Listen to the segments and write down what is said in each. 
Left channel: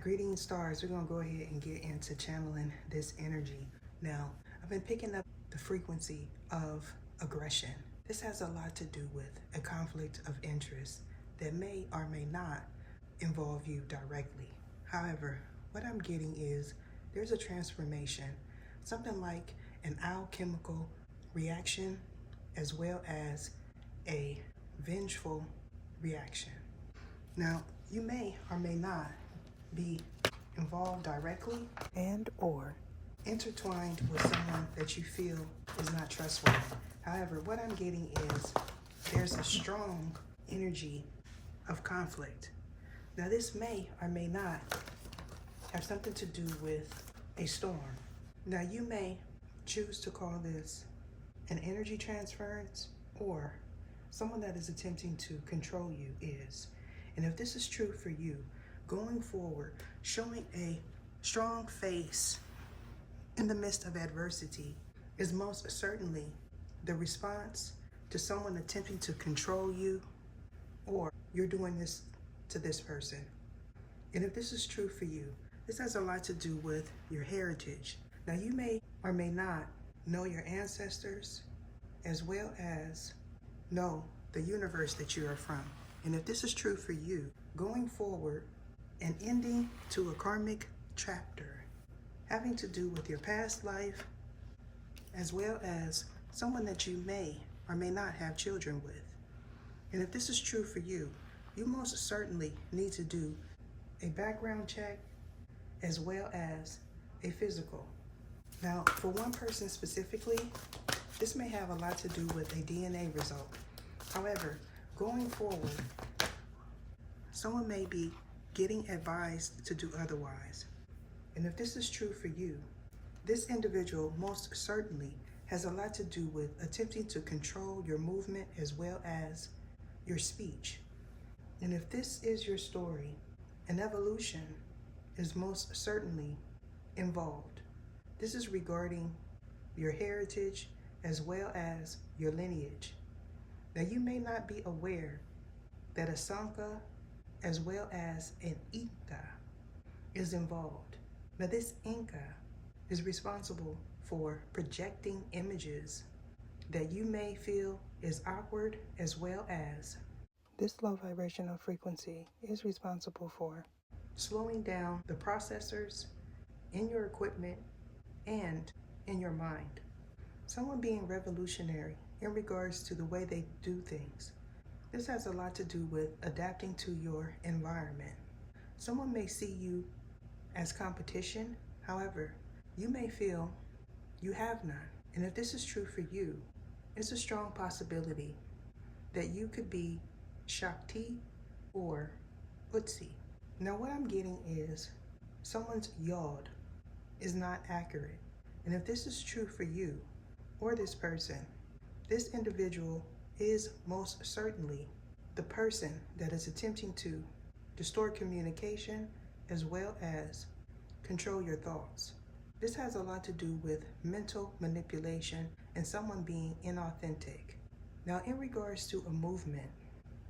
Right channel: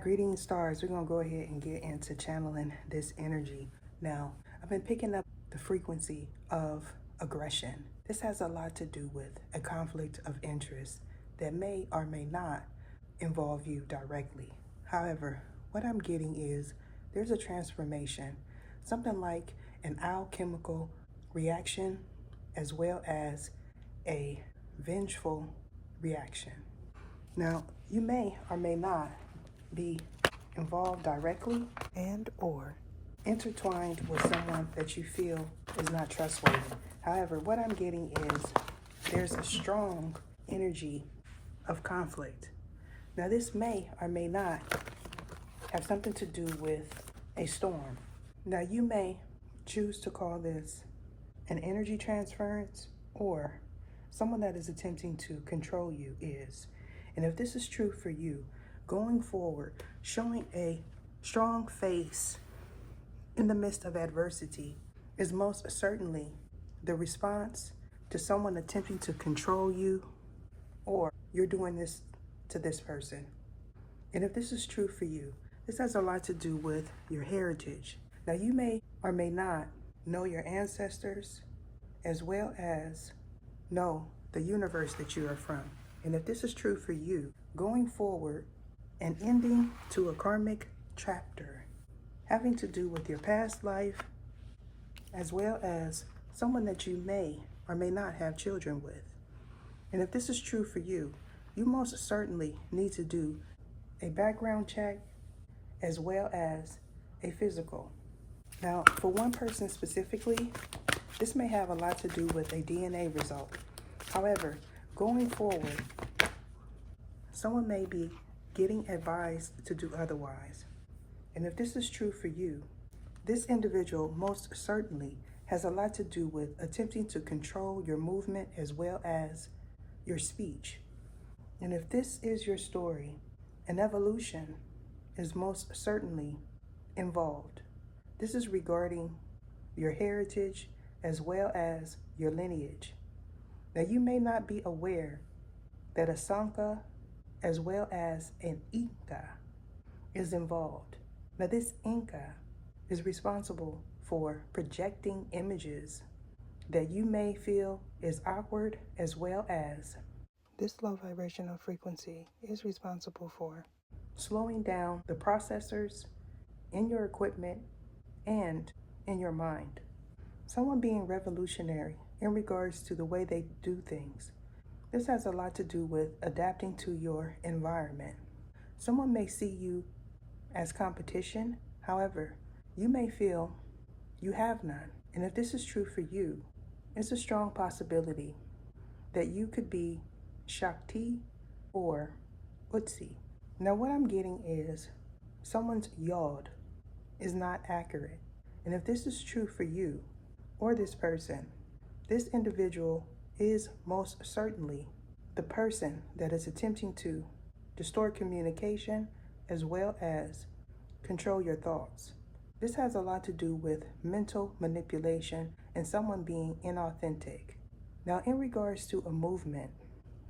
Greetings, stars. We're going to go ahead and get into channeling this energy. Now, I've been picking up the frequency of aggression. This has a lot to do with a conflict of interest that may or may not involve you directly. However, what I'm getting is there's a transformation, something like an alchemical reaction, as well as a vengeful reaction. Now, you may or may not be involved directly and or intertwined with someone that you feel is not trustworthy. However, what I'm getting is there's a strong energy of conflict. Now, this may or may not have something to do with a storm. Now, you may choose to call this an energy transference, or someone that is attempting to control you is. And if this is true for you, going forward, showing a strong face in the midst of adversity is most certainly the response to someone attempting to control you, or you're doing this to this person. And if this is true for you, this has a lot to do with your heritage. Now, you may or may not know your ancestors, as well as know the universe that you are from. And if this is true for you, going forward, an ending to a karmic chapter having to do with your past life, as well as someone that you may or may not have children with. And if this is true for you, you most certainly need to do a background check as well as a physical. Now, for one person specifically, this may have a lot to do with a DNA result. However, going forward, someone may be getting advised to do otherwise. And if this is true for you, this individual most certainly has a lot to do with attempting to control your movement as well as your speech. And if this is your story, an evolution is most certainly involved. This is regarding your heritage as well as your lineage. Now, you may not be aware that a Sanka as well as an Inca is involved. Now, this Inca is responsible for projecting images that you may feel is awkward, as well as this low vibrational frequency is responsible for slowing down the processors in your equipment and in your mind. Someone being revolutionary in regards to the way they do things. This has a lot to do with adapting to your environment. Someone may see you as competition. However, you may feel you have none. And if this is true for you, it's a strong possibility that you could be Shakti or Utsi. Now, what I'm getting is someone's yod is not accurate. And if this is true for you or this person, this individual is most certainly the person that is attempting to distort communication as well as control your thoughts. This has a lot to do with mental manipulation and someone being inauthentic. Now, in regards to a movement,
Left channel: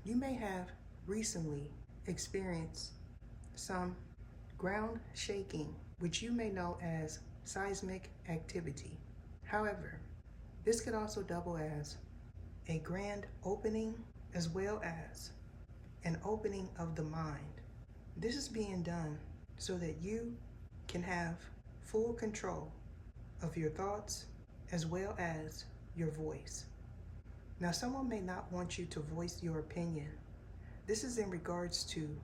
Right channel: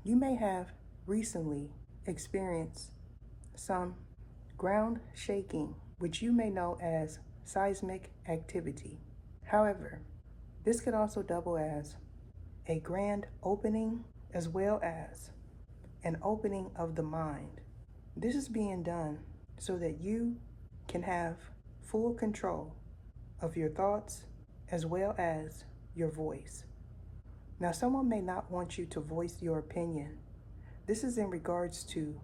you may have recently experienced some ground shaking, which you may know as seismic activity. However, this could also double as a grand opening as well as an opening of the mind. This is being done so that you can have full control of your thoughts as well as your voice. Now, someone may not want you to voice your opinion. This is in regards to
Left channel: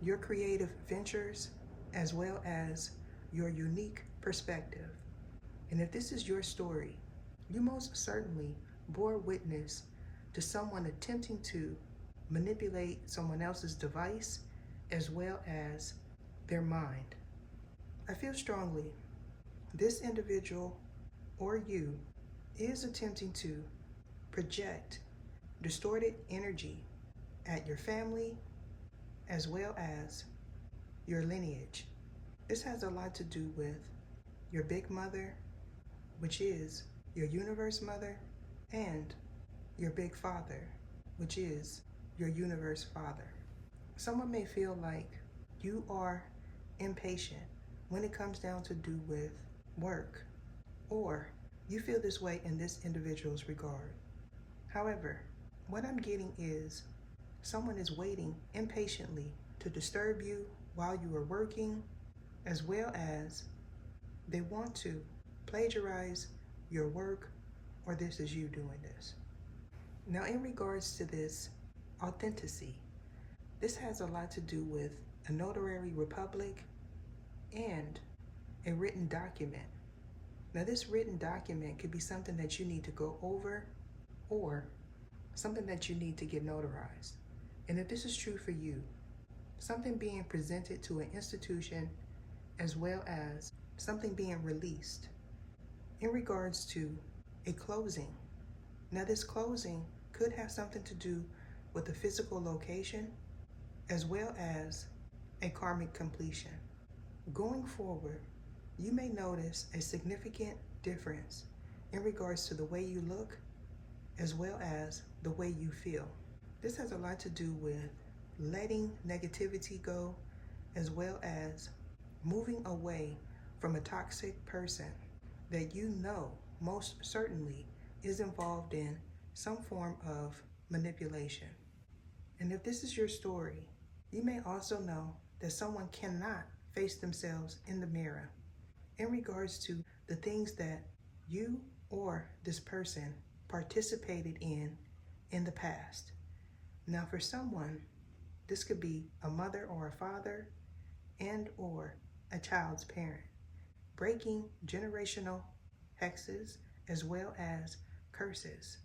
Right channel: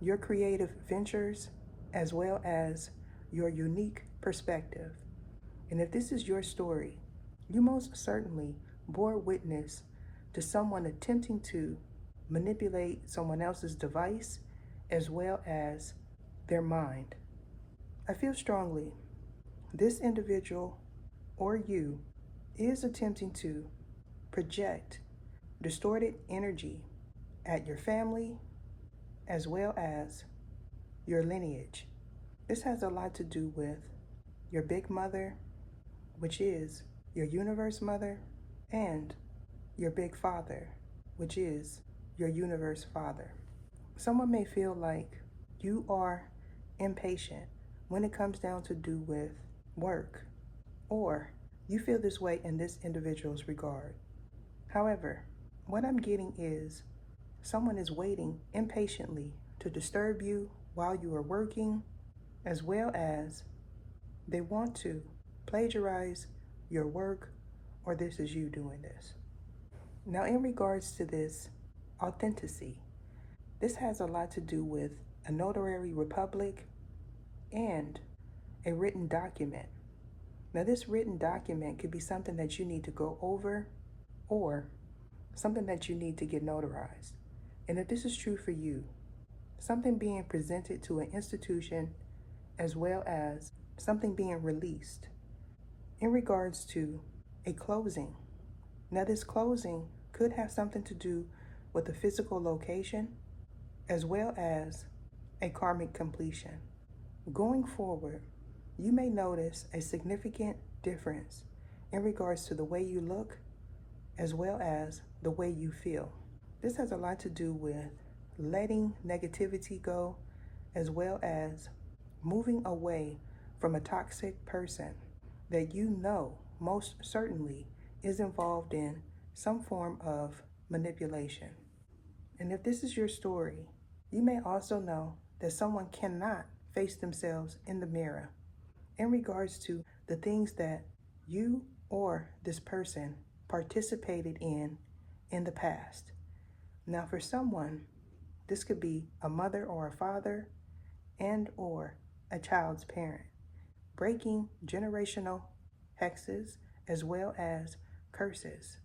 your creative ventures as well as your unique perspective. And if this is your story, you most certainly bore witness to someone attempting to manipulate someone else's device as well as their mind. I feel strongly this individual or you is attempting to project distorted energy at your family as well as your lineage. This has a lot to do with your big mother, which is your universe mother, and your big father, which is your universe father. Someone may feel like you are impatient when it comes down to do with work, or you feel this way in this individual's regard. However, what I'm getting is someone is waiting impatiently to disturb you while you are working, as well as they want to plagiarize your work, or this is you doing this. Now, in regards to this authenticity, this has a lot to do with a notary republic and a written document. Now, this written document could be something that you need to go over or something that you need to get notarized. And if this is true for you, something being presented to an institution as well as something being released in regards to a closing. Now, this closing could have something to do with a physical location as well as a karmic completion. Going forward, you may notice a significant difference in regards to the way you look as well as the way you feel. This has a lot to do with letting negativity go as well as moving away from a toxic person that you know most certainly is involved in some form of manipulation. And if this is your story, you may also know that someone cannot face themselves in the mirror in regards to the things that you or this person participated in the past. Now, for someone, this could be a mother or a father and or a child's parent, breaking generational hexes as well as curses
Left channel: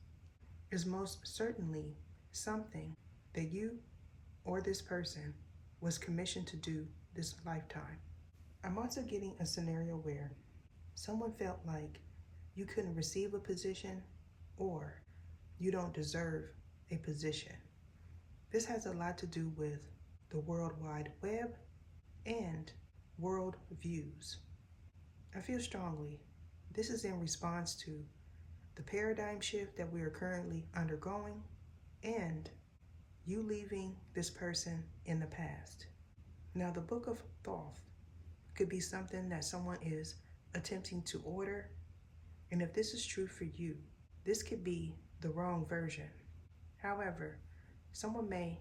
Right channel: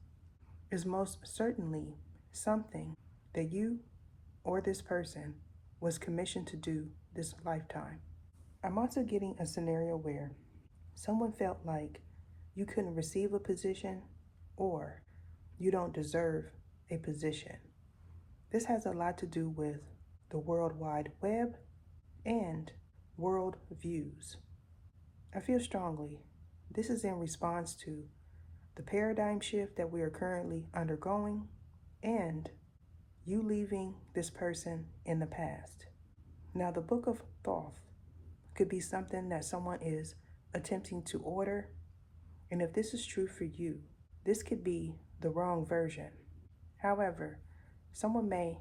is most certainly something that you or this person was commissioned to do this lifetime. I'm also getting a scenario where someone felt like you couldn't receive a position or you don't deserve a position. This has a lot to do with the World Wide Web and world views. I feel strongly this is in response to the paradigm shift that we are currently undergoing and you leaving this person in the past. Now, the Book of Thoth could be something that someone is attempting to order, and if this is true for you, this could be the wrong version. However, someone may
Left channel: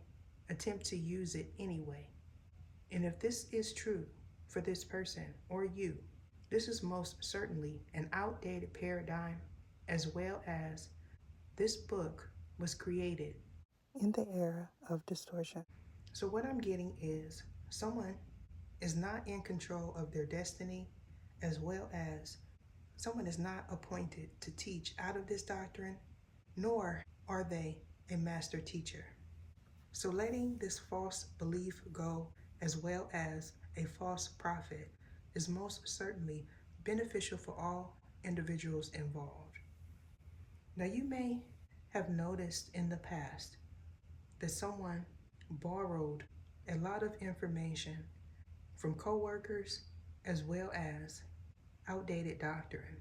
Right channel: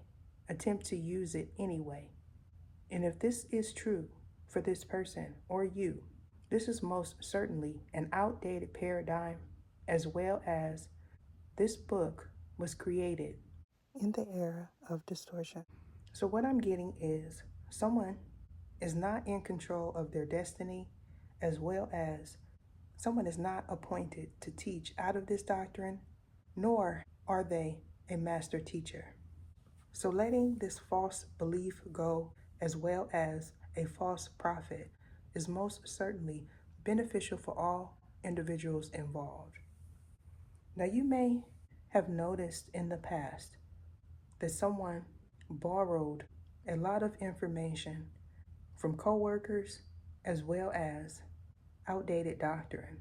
attempt to use it anyway. And if this is true for this person or you, this is most certainly an outdated paradigm, as well as this book was created in the era of distortion. So what I'm getting is someone is not in control of their destiny, as well as someone is not appointed to teach out of this doctrine, nor are they a master teacher. So letting this false belief go, as well as a false prophet, is most certainly beneficial for all individuals involved. Now, you may have noticed in the past that someone borrowed a lot of information from coworkers as well as outdated doctrine.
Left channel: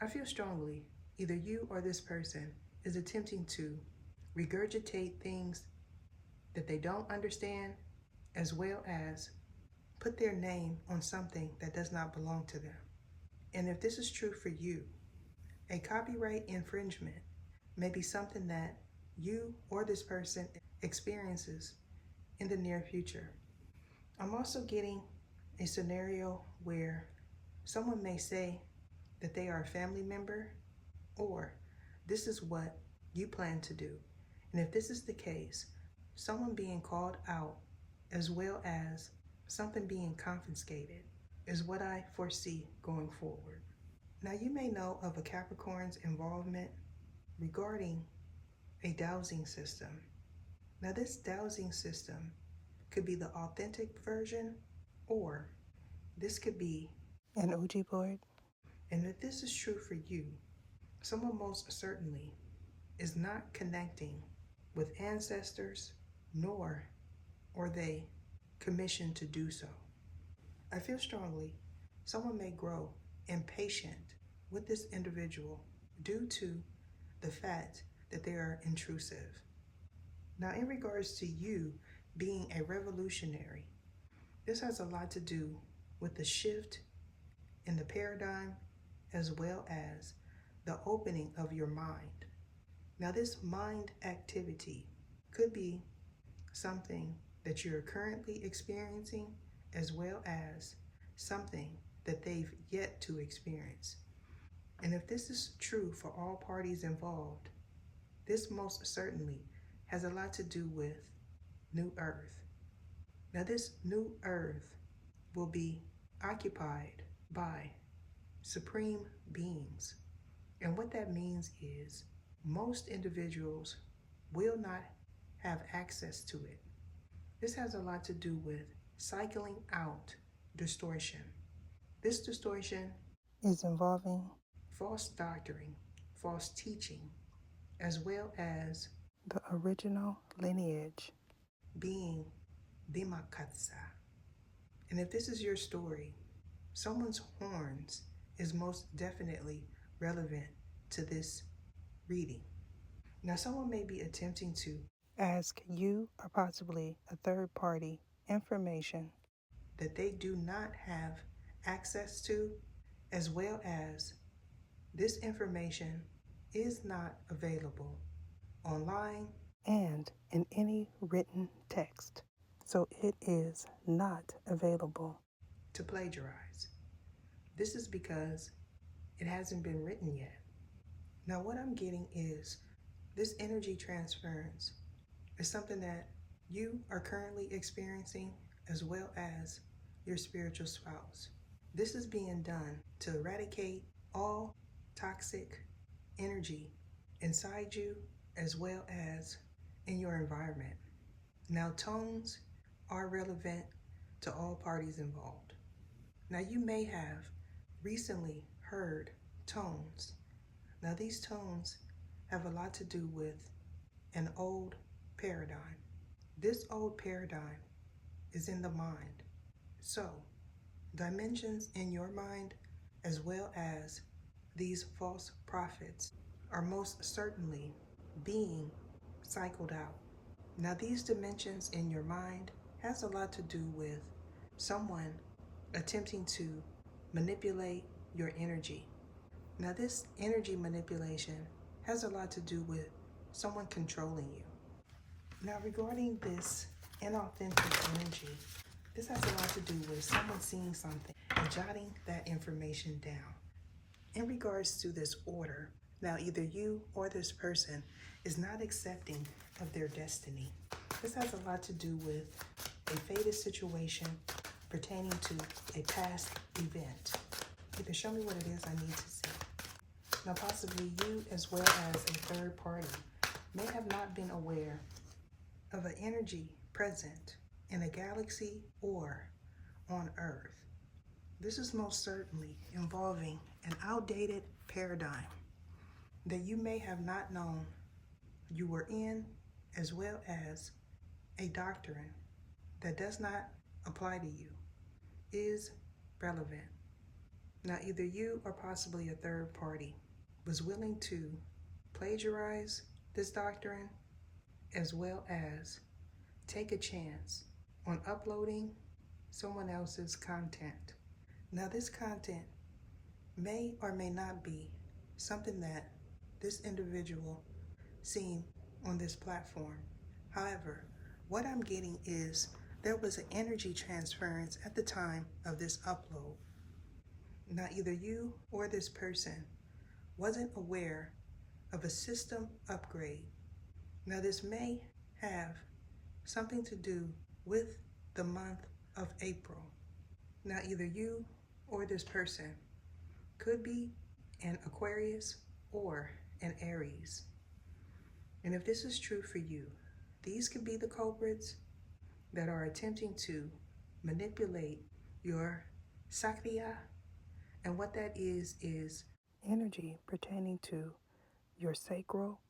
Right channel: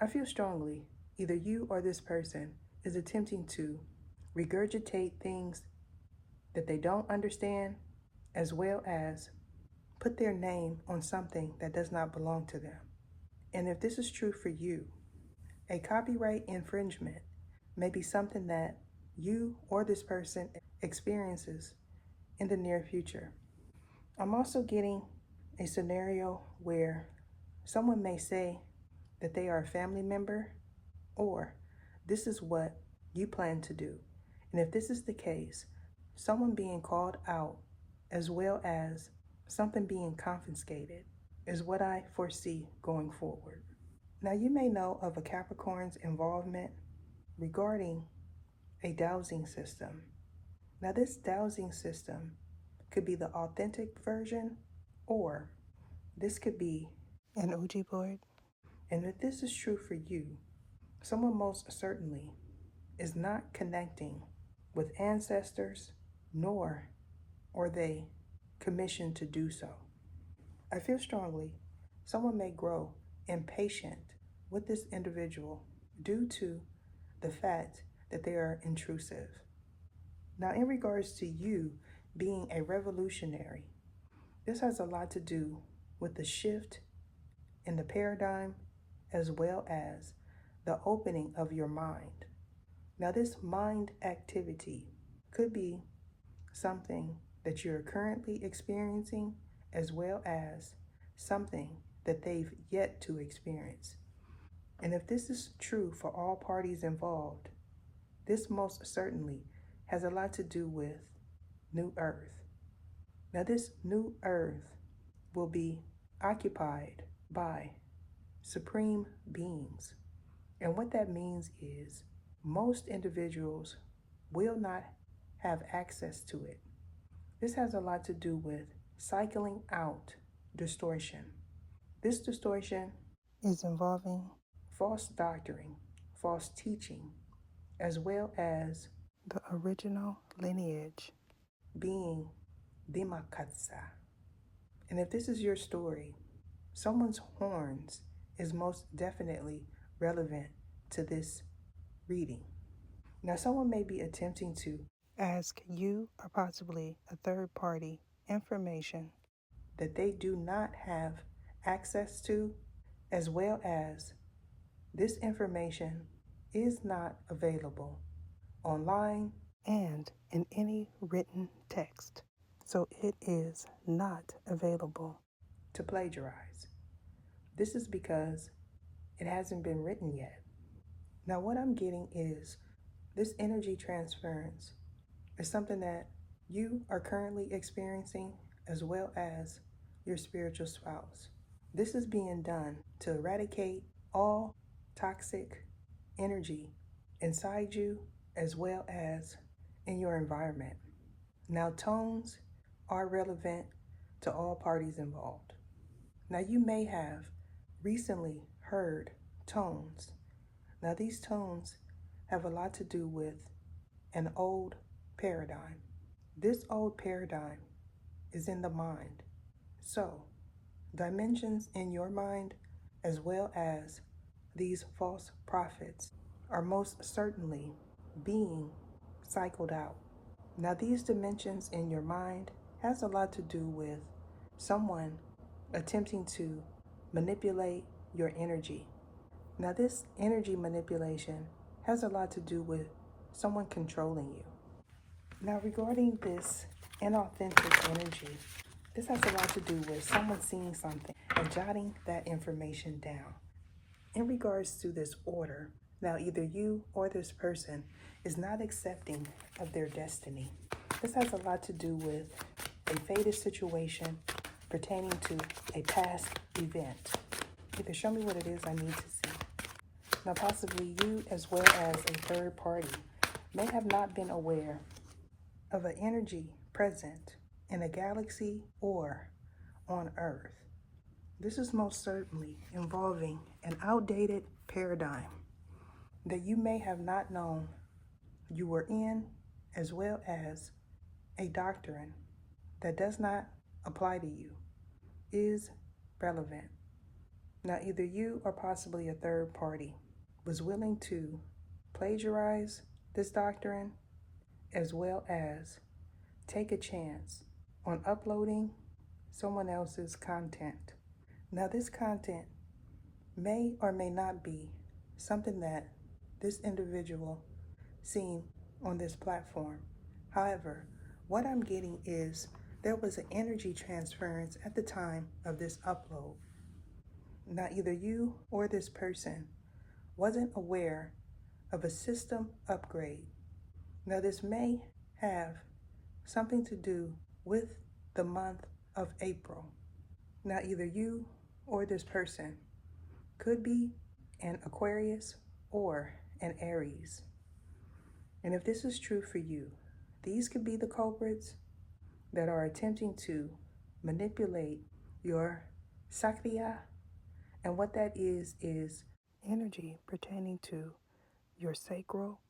I feel strongly either you or this person is attempting to regurgitate things that they don't understand, as well as put their name on something that does not belong to them. And if this is true for you, a copyright infringement may be something that you or this person experiences in the near future. I'm also getting a scenario where someone may say that they are a family member, or this is what you plan to do. And if this is the case, someone being called out as well as something being confiscated is what I foresee going forward. Now, you may know of a Capricorn's involvement regarding a dowsing system. Now, this dowsing system could be the authentic version, or this could be an Ouija board. And if this is true for you, someone most certainly is not connecting with ancestors, nor are they commissioned to do so. I feel strongly someone may grow impatient with this individual due to the fact that they are intrusive. Now, in regards to you being a revolutionary, This has a lot to do with the shift in the paradigm as well as the opening of your mind. Now, this mind activity could be something that you're currently experiencing as well as something that they've yet to experience. And if this is true for all parties involved, this most certainly has a lot to do with New Earth. Now, this New Earth will be occupied by supreme beings. And what that means is most individuals will not have access to it. This has a lot to do with cycling out distortion. This distortion is involving false doctrine, false teaching, as well as the original lineage being Bimakatsa. And if this is your story, someone's horns is most definitely relevant to this reading. Now, someone may be attempting to ask you or possibly a third party information that they do not have access to, as well as this information is not available online and in any written text. So it is not available to plagiarize. This is because it hasn't been written yet. Now, what I'm getting is this energy transference is something that you are currently experiencing as well as your spiritual spouse. This is being done to eradicate all toxic energy inside you as well as in your environment. Now, tones are relevant to all parties involved. Now, you may have recently heard tones. Now, these tones have a lot to do with an old paradigm. This old paradigm is in the mind. So, dimensions in your mind as well as these false prophets are most certainly being cycled out. Now, these dimensions in your mind has a lot to do with someone attempting to manipulate your energy. Now, this energy manipulation has a lot to do with someone controlling you. Now, regarding this inauthentic energy, this has a lot to do with someone seeing something and jotting that information down. In regards to this order, now either you or this person is not accepting of their destiny. This has a lot to do with a fated situation pertaining to a past event. Either show me what it is I need to see. Now, possibly you as well as a third party may have not been aware of an energy present in a galaxy or on Earth. This is most certainly involving an outdated paradigm that you may have not known you were in, as well as a doctrine that does not apply to you is relevant. Now, either you or possibly a third party was willing to plagiarize this doctrine as well as take a chance on uploading someone else's content. Now, this content may or may not be something that this individual seen on this platform. However, what I'm getting is there was an energy transference at the time of this upload. Now, either you or this person wasn't aware of a system upgrade. Now, this may have something to do with the month of April. Now, either you or this person could be an Aquarius or an Aries. And if this is true for you, these could be the culprits that are attempting to manipulate your Sakriya. And what that is energy pertaining to your sacral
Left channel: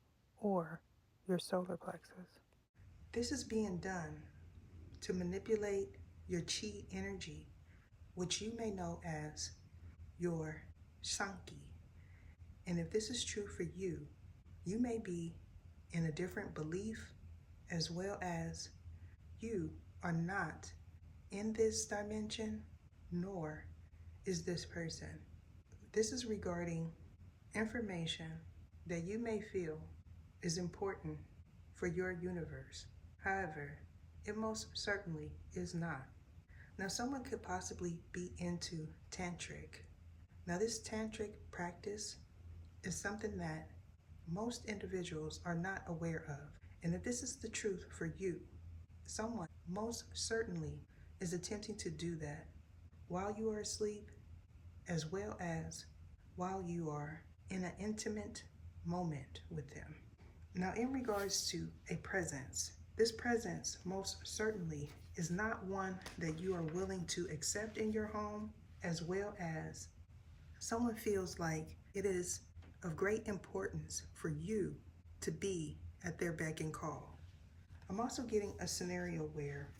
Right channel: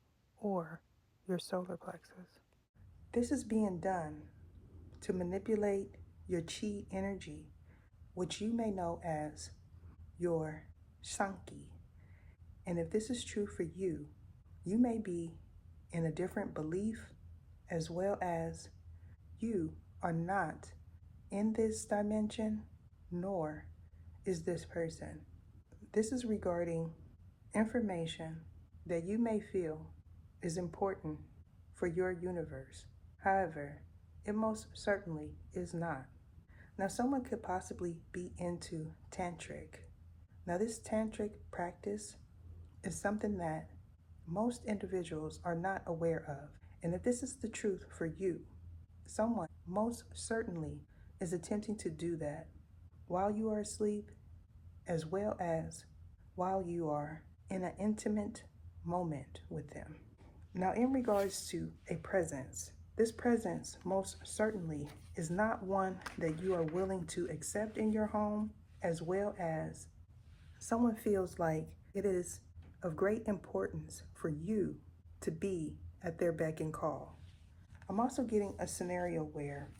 or your solar plexus. This is being done to manipulate your chi energy, which you may know as your Sankey. And if this is true for you, you may be in a different belief as well as you are not in this dimension, nor is this person. This is regarding information that you may feel is important for your universe. However, it most certainly is not. Now, someone could possibly be into tantric. Now, this tantric practice is something that most individuals are not aware of. And if this is the truth for you, someone most certainly is attempting to do that while you are asleep, as well as while you are in an intimate moment with them. Now, in regards to a presence, this presence most certainly is not one that you are willing to accept in your home, as well as someone feels like it is of great importance for you to be at their beck and call. I'm also getting a scenario where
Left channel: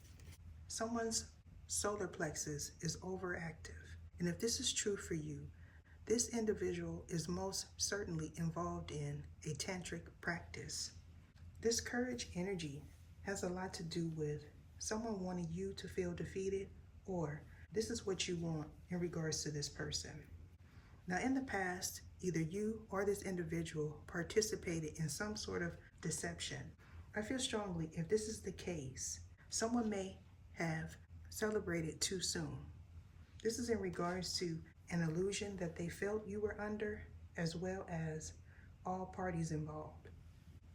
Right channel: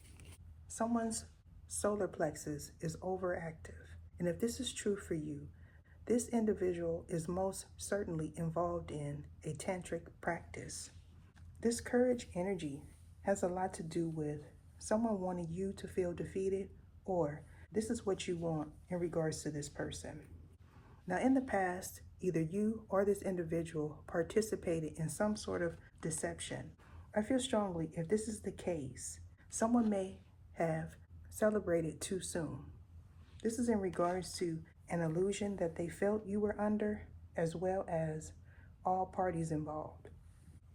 someone's solar plexus is overactive. And if this is true for you, this individual is most certainly involved in a tantric practice. This courage energy has a lot to do with someone wanting you to feel defeated, or this is what you want in regards to this person. Now, in the past, either you or this individual participated in some sort of deception. I feel strongly if this is the case, someone may have celebrated too soon. This is in regards to an illusion that they felt you were under, as well as all parties involved.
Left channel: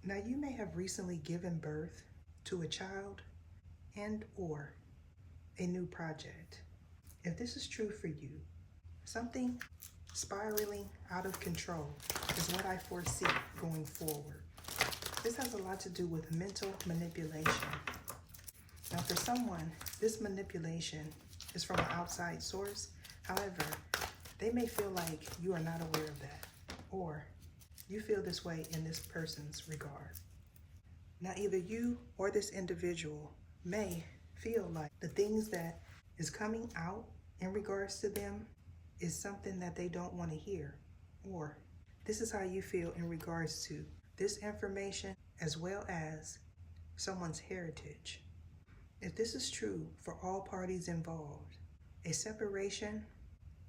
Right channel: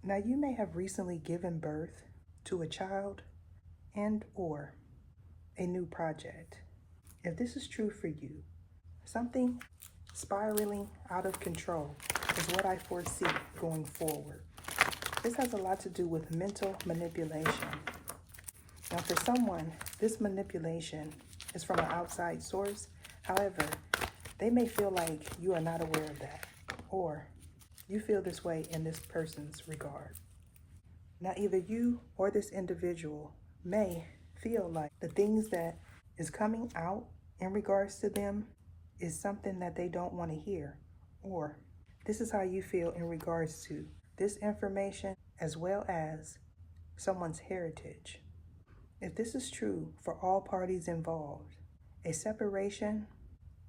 Now, you may have recently given birth to a child and or a new project. If this is true for you, something spiraling out of control is what I foresee going forward. This has a lot to do with mental manipulation. Now, for someone, this manipulation is from an outside source. However, they may feel like you are not aware of that, or you feel this way in this person's regard. Now, either you or this individual may feel like the things that is coming out in regards to them is something that they don't want to hear, or this is how you feel in regards to this information, as well as someone's heritage. If this is true for all parties involved, a separation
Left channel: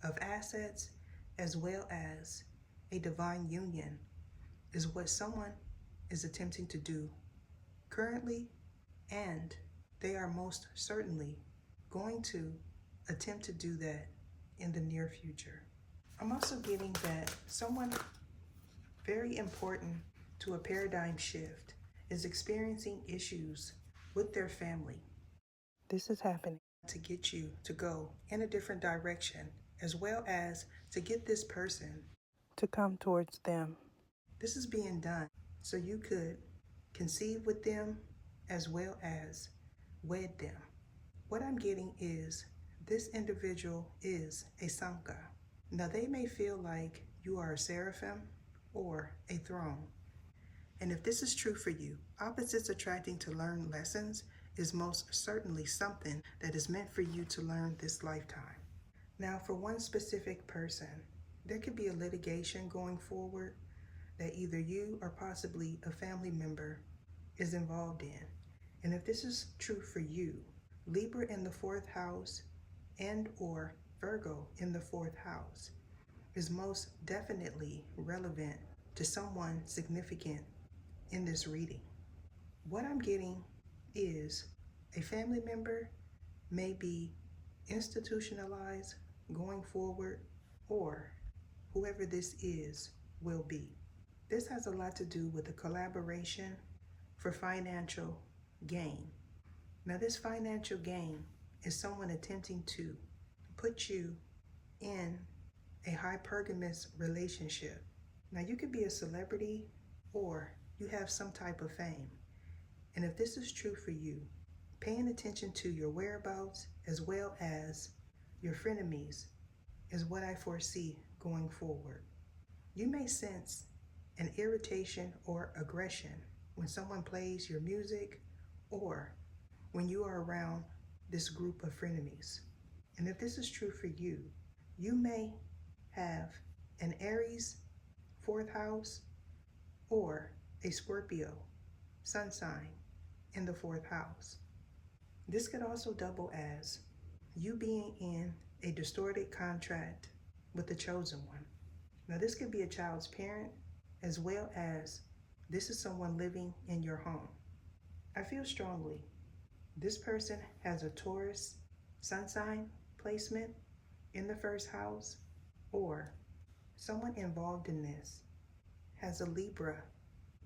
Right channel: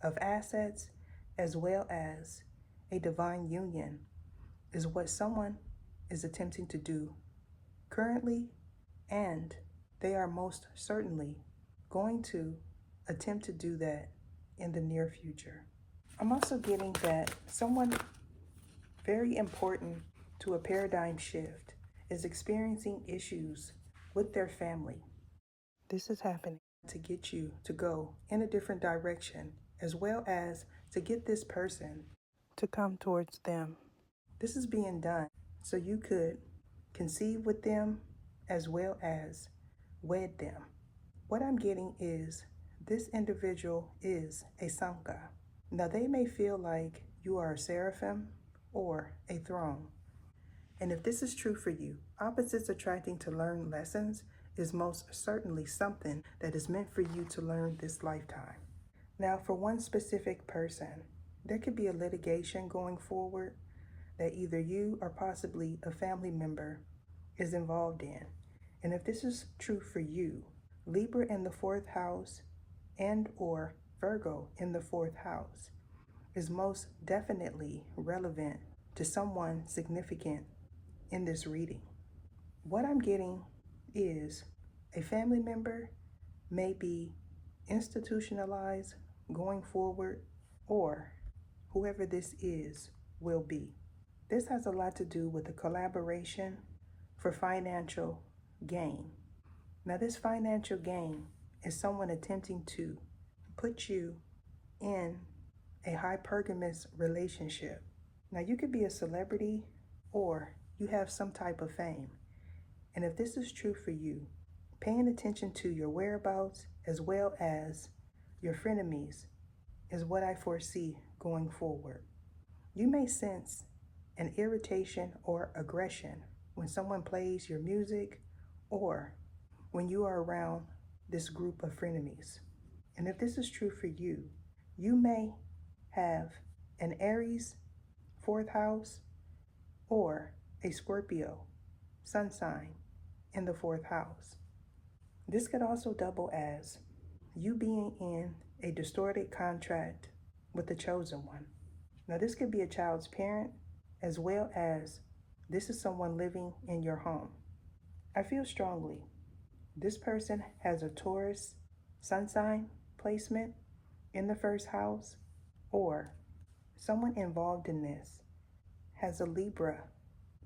of assets as well as a divine union is what someone is attempting to do currently, and they are most certainly going to attempt to do that in the near future. I'm also getting that someone very important to a paradigm shift is experiencing issues with their family. This is happening to get you to go in a different direction, as well as to get this person to come towards them. This is being done so you could conceive with them as well as wed them. What I'm getting is this individual is a Sanka. Now, they may feel like you are a seraphim or a throne. And if this is true for you, opposites attracting to learn lessons is most certainly something that is meant for you to learn this lifetime. Now, for one specific person, there could be a litigation going forward that either you or possibly a family member is involved in. And if this is true for you, Libra in the 4th house and or Virgo in the 4th house is most definitely relevant to someone significant in this reading. What I'm getting is a family member may be institutionalized going forward, or whoever this is will be. This has a lot to do with a collaboration for financial gain. Now, this financial gain is someone attempting to put you in a hypergamous relationship. Now, you could be a celebrity or you have some type of fame. And if this is true for you, paying attention to your whereabouts as well as your frenemies is what I foresee going forward. You may sense an irritation or aggression when someone plays your music or when you are around this group of frenemies. And if this is true for you, you may have an Aries 4th house or a Scorpio sun sign in the 4th house. This could also double as you being in a distorted contract with the chosen one. Now, this could be a child's parent, as well as this is someone living in your home. I feel strongly this person has a Taurus sun sign placement in the first house, or someone involved in this has a Libra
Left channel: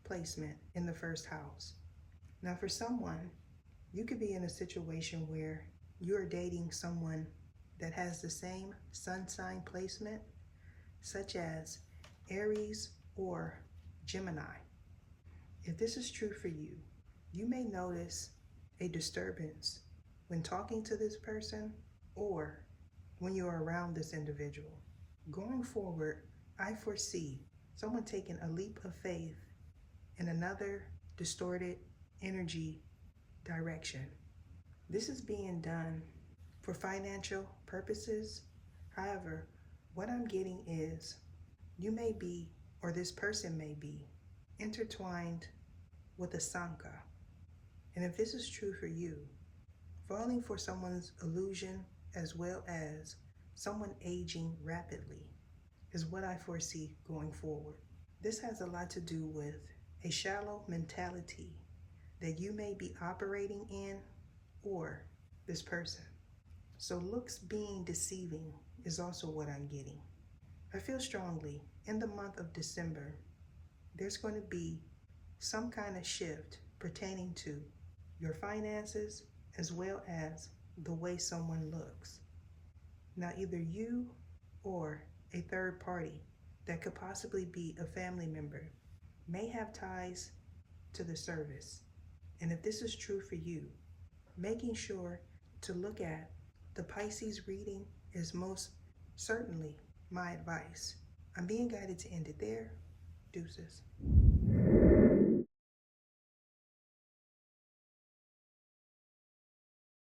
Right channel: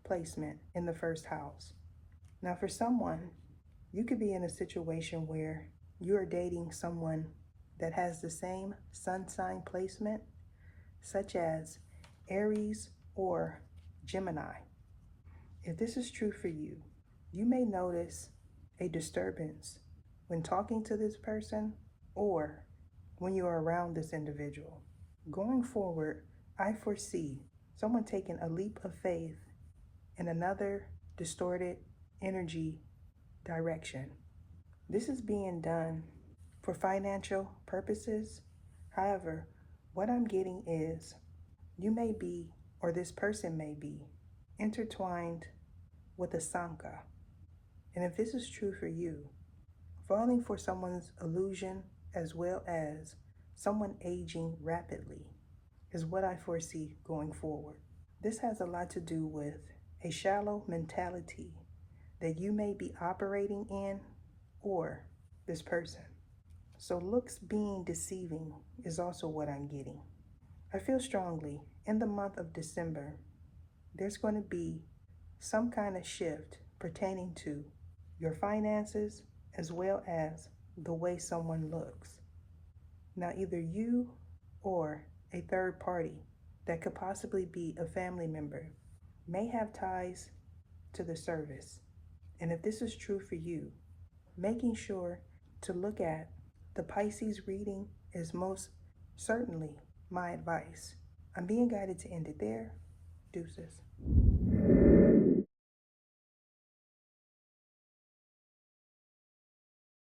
placement in the first house. Now, for someone, you could be in a situation where you're dating someone that has the same sun sign placement, such as Aries or Gemini. If this is true for you, you may notice a disturbance when talking to this person or when you're around this individual. Going forward, I foresee someone taking a leap of faith in another distorted energy direction. This is being done for financial purposes. However, what I'm getting is you may be, or this person may be, intertwined with a Sanka. And if this is true for you, falling for someone's illusion as well as someone aging rapidly is what I foresee going forward. This has a lot to do with a shallow mentality that you may be operating in, or this person. So looks being deceiving is also what I'm getting. I feel strongly in the month of December, there's going to be some kind of shift pertaining to your finances as well as the way someone looks. Now, either you or a third party that could possibly be a family member may have ties to the service. And if this is true for you, making sure to look at the Pisces reading is most certainly my advice. I'm being guided to end it there. Deuces.